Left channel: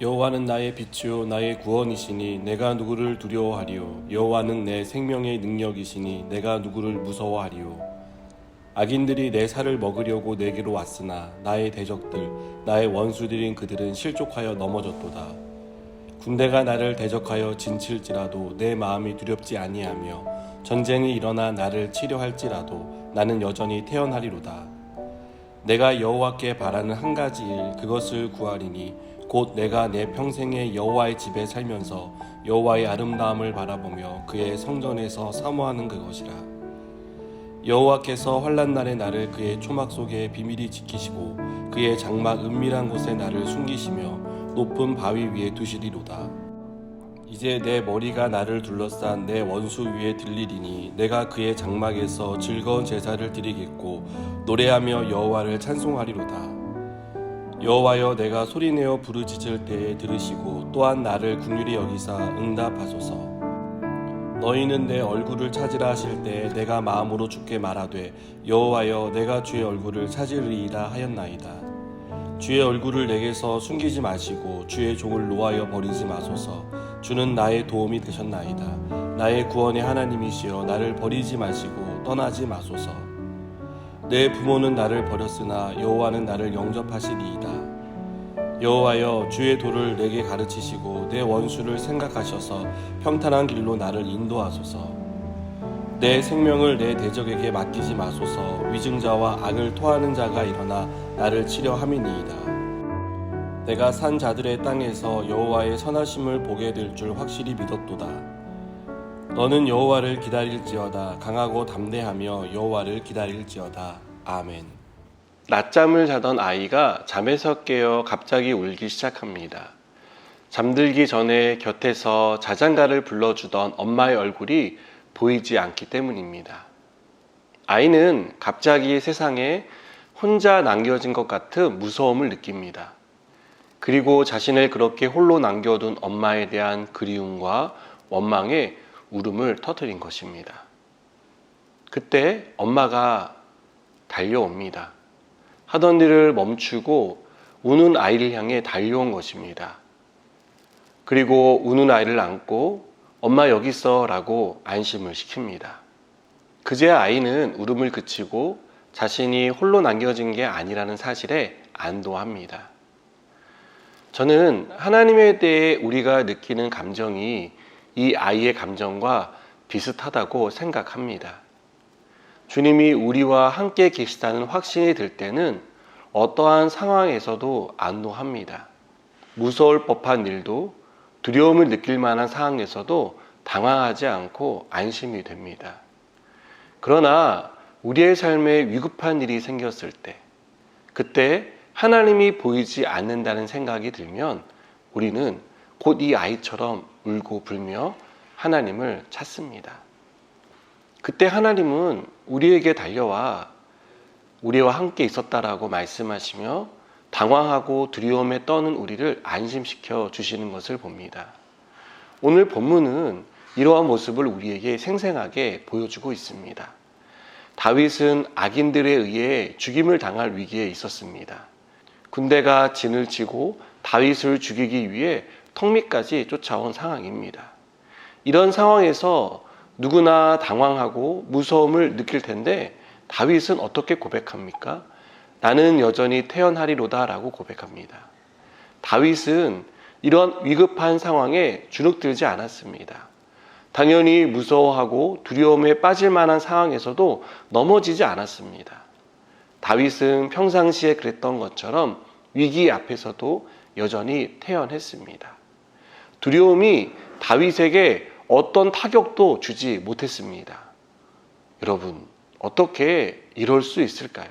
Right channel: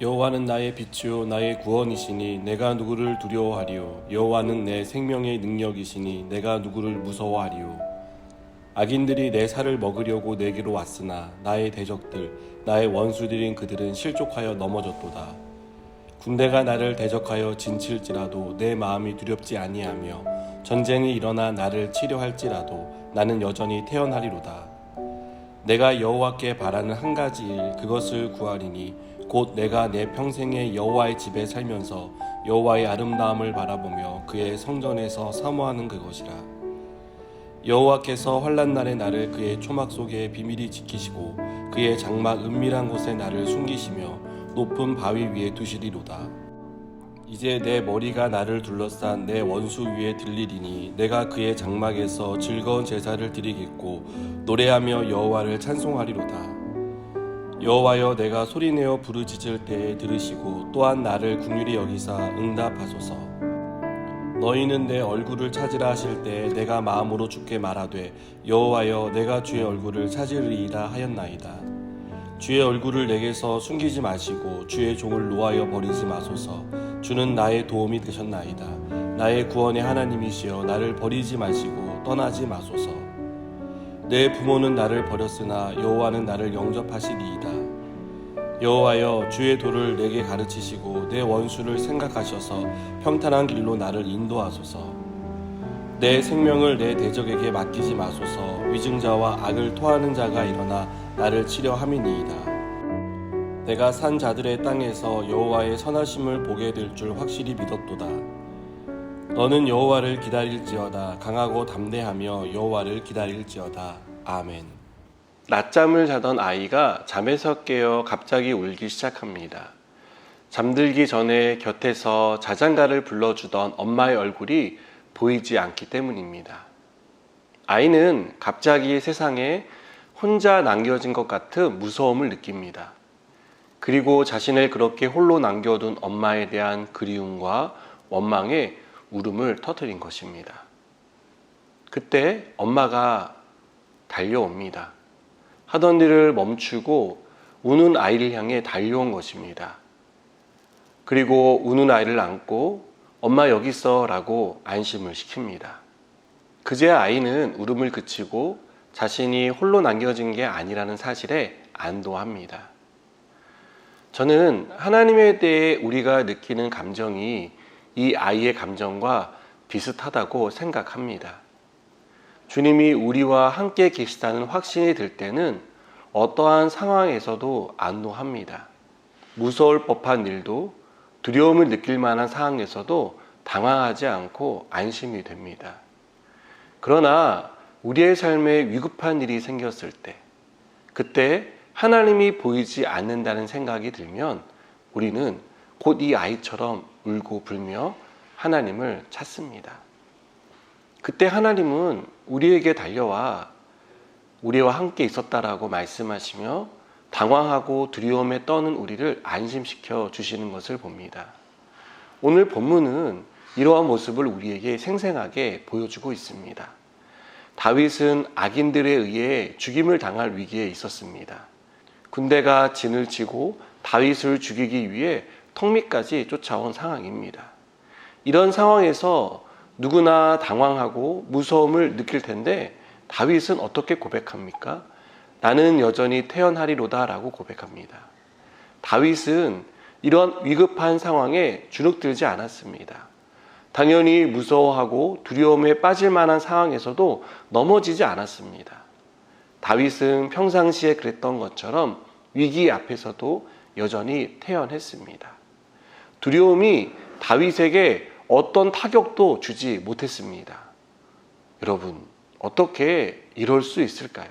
여호와는 나의 빛이요 나의 구원이시니 내가 누구를 두려워하리요. 여호와는 내 생명의 능력이시니 내가 누구를 무서워하리요. 악인들이 내 살을 먹으려고 내게로 왔으나 나의 대적들 나의 원수들인 그들은 실족하여 넘어졌도다. 군대가 나를 대적하여 진칠지라도 내 마음이 두렵지 아니하며 전쟁이 일어나 나를 치려할지라도 나는 여전히 태어나리로다. 내가 여호와께 바라는 한 가지 일 그것을 구하리니 곧 내가 내 평생에 여호와의 집에 살면서 여호와의 아름다움을 바라보며 그의 성전에서 사모하는 그것이라. 여호와께서 환난 날에 나를 그의 초막 속에 비밀히 지키시고 그의 장막 은밀한 곳에 나를 숨기시며 높은 바위 위에 두시리로다. 이제 내 머리가 나를 둘러싼 내 원수 위에 들리리니 내가 그의 장막에서 즐거운 제사를 드리겠고 노래하며 여호와를 찬송하리로다. 여호와여, 내가 소리내어 부르짖을 때에 들으시고 또한 나를 긍휼히 여기사 응답하소서. 너희는 내 얼굴을 찾으라 하실 때에 내가 마음으로 주께 말하되 여호와여, 내가 주의 얼굴을 찾으리이다 하였나이다. 주의 얼굴을 내게서 숨기지 마시고 주의 종을 노하여 버리지 마소서. 주는 나의 도움이 되셨나이다. 나의 구원의 하나님이시여, 나를 버리지 마시고 떠나지 마소서. 내 부모는 나를 버렸으나 여호와는 나를 영접하시리이다. 여호와여, 주의 도를 내게 가르치시고 내 원수를 생각하셔서 평탄한 길로 나를 인도하소서. 내 생명을 내 대적에게 맡기지 마소서. 위증자와 악을 토하는 자가 일어나 나를 치려 함이니이다. 내가 산 자들의 땅에서 여호와의 선하심을 보게 될 줄 확실히 믿었도다. 너는 여호와를 기다릴지어다. 강하고 담대하며 여호와를 기다릴지어다. 아멘. 낮잠을 자던 아이가 잠에서 깨어 갑자기 울기 시작합니다. 잠들기 전에 곁에서 자장가를 불러주던 엄마의 얼굴이 보이지 않기 때문입니다. 아이는 갑자기 세상에 혼자 남겨진 것 같은 무서움을 느낍니다. 그리고 자신을 그렇게 홀로 남겨둔 엄마에 대한 그리움과 원망에 울음을 터뜨린 것입니다. 그때 엄마가 달려옵니다. 하던 일을 멈추고 우는 아이를 향해 달려온 것입니다. 그리고 우는 아이를 안고 엄마 여기 있어 라고 안심을 시킵니다. 그제야 아이는 울음을 그치고 자신이 홀로 남겨진 게 아니라는 사실에 안도합니다. 저는 하나님에 대해 우리가 느끼는 감정이 이 아이의 감정과 비슷하다고 생각합니다. 주님이 우리와 함께 계시다는 확신이 들 때는 어떠한 상황에서도 안도합니다. 무서울 법한 일도 두려움을 느낄 만한 상황에서도 당황하지 않고 안심이 됩니다. 그러나 우리의 삶에 위급한 일이 생겼을 때, 그때 하나님이 보이지 않는다는 생각이 들면 우리는 곧 이 아이처럼 울고 불며 하나님을 찾습니다. 그때 하나님은 우리에게 달려와 우리와 함께 있었다라고 말씀하시며 당황하고 두려움에 떠는 우리를 안심시켜 주시는 것을 봅니다. 오늘 본문은 이러한 모습을 우리에게 생생하게 보여주고 있습니다. 다윗은 악인들에 의해 죽임을 당할 위기에 있었습니다. 군대가 진을 치고 다윗을 죽이기 위해 턱밑까지 쫓아온 상황입니다. 이런 상황에서 누구나 당황하고 무서움을 느낄 텐데 다윗은 어떻게 고백합니까? 나는 여전히 태어나리로다 라고 고백합니다. 다윗은 이런 위급한 상황에 주눅들지 않았습니다. 당연히 무서워하고 두려움에 빠질 만한 상황에서도 넘어지지 않았습니다. 다윗은 평상시에 그랬던 것처럼 위기 앞에서도 여전히 태연했습니다. 두려움이 다윗에게 어떤 타격도 주지 못했습니다. 여러분, 어떻게 이럴 수 있을까요?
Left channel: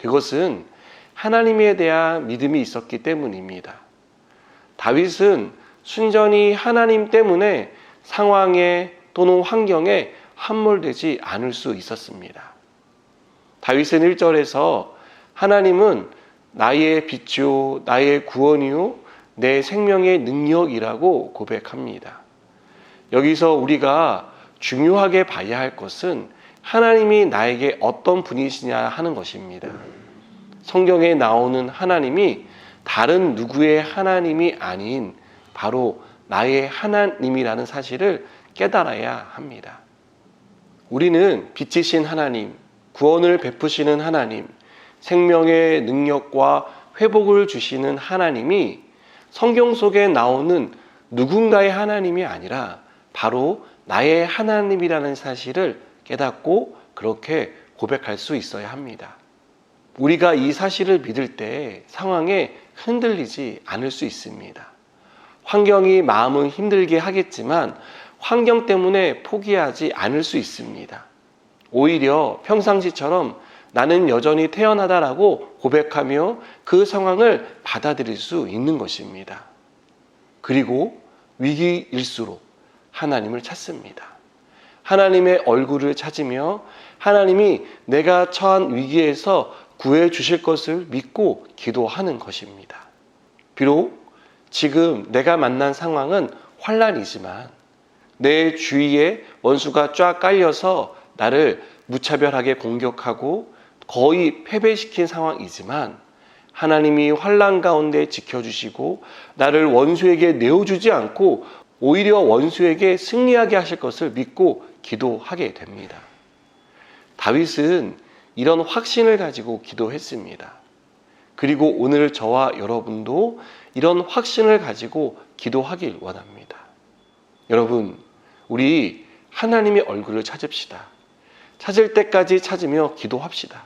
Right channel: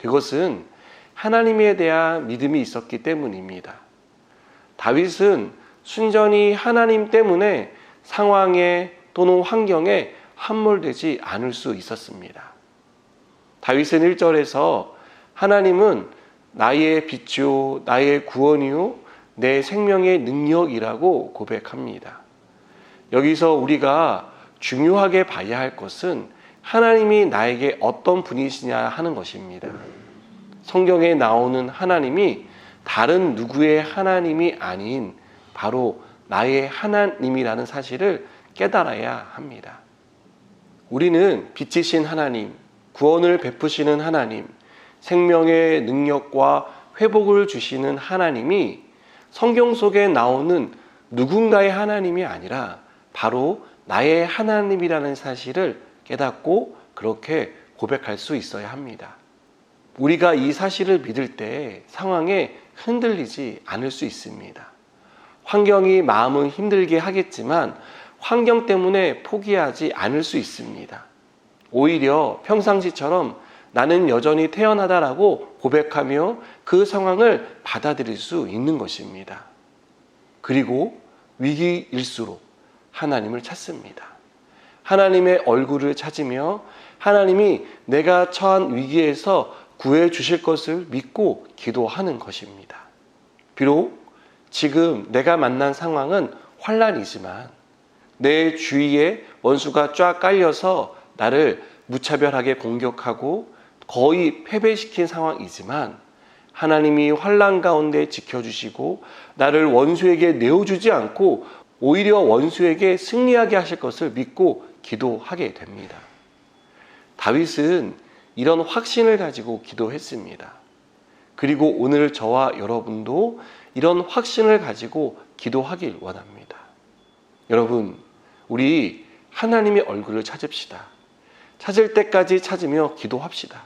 그것은 하나님에 대한 믿음이 있었기 때문입니다. 다윗은 순전히 하나님 때문에 상황에 또는 환경에 함몰되지 않을 수 있었습니다. 다윗은 1절에서 하나님은 나의 빛이요 나의 구원이요 내 생명의 능력이라고 고백합니다. 여기서 우리가 중요하게 봐야 할 것은 하나님이 나에게 어떤 분이시냐 하는 것입니다. 성경에 나오는 하나님이 다른 누구의 하나님이 아닌 바로 나의 하나님이라는 사실을 깨달아야 합니다. 우리는 빛이신 하나님, 구원을 베푸시는 하나님, 생명의 능력과 회복을 주시는 하나님이 성경 속에 나오는 누군가의 하나님이 아니라 바로 나의 하나님이라는 사실을 깨닫고 그렇게 고백할 수 있어야 합니다. 우리가 이 사실을 믿을 때 상황에 흔들리지 않을 수 있습니다. 환경이 마음을 힘들게 하겠지만 환경 때문에 포기하지 않을 수 있습니다. 오히려 평상시처럼 나는 여전히 태어나다라고 고백하며 그 상황을 받아들일 수 있는 것입니다. 그리고 위기일수록 하나님을 찾습니다. 하나님의 얼굴을 찾으며 하나님이 내가 처한 위기에서 구해 주실 것을 믿고 기도하는 것입니다. 비록 지금 내가 만난 상황은 환난이지만 내 주위에 원수가 쫙 깔려서 나를 무차별하게 공격하고 거의 패배시킨 상황이지만 하나님이 환난 가운데 지켜주시고 나를 원수에게 내어주지 않고 오히려 원수에게 승리하게 하실 것을 믿고 기도하게 됩니다. 다윗은 이런 확신을 가지고 기도했습니다. 그리고 오늘 저와 여러분도 이런 확신을 가지고 기도하길 원합니다. 여러분, 우리 하나님의 얼굴을 찾읍시다. 찾을 때까지 찾으며 기도합시다.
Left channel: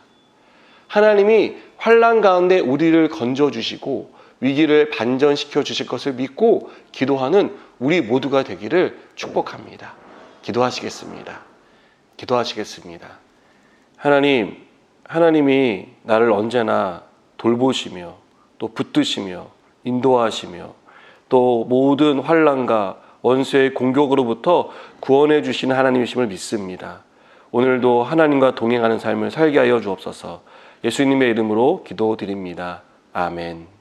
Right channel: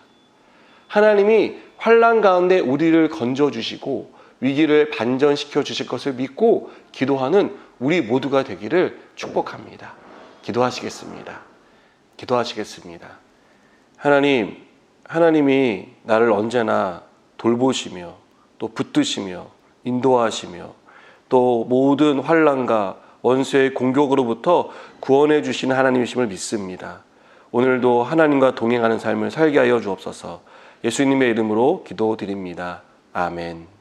하나님이 환난 가운데 우리를 건져주시고 위기를 반전시켜 주실 것을 믿고 기도하는 우리 모두가 되기를 축복합니다. 기도하시겠습니다. 기도하시겠습니다. 하나님이 나를 언제나 돌보시며 또 붙드시며 인도하시며 또 모든 환난과 원수의 공격으로부터 구원해 주시는 하나님이심을 믿습니다. 오늘도 하나님과 동행하는 삶을 살게 하여 주옵소서. 예수님의 이름으로 기도드립니다. 아멘.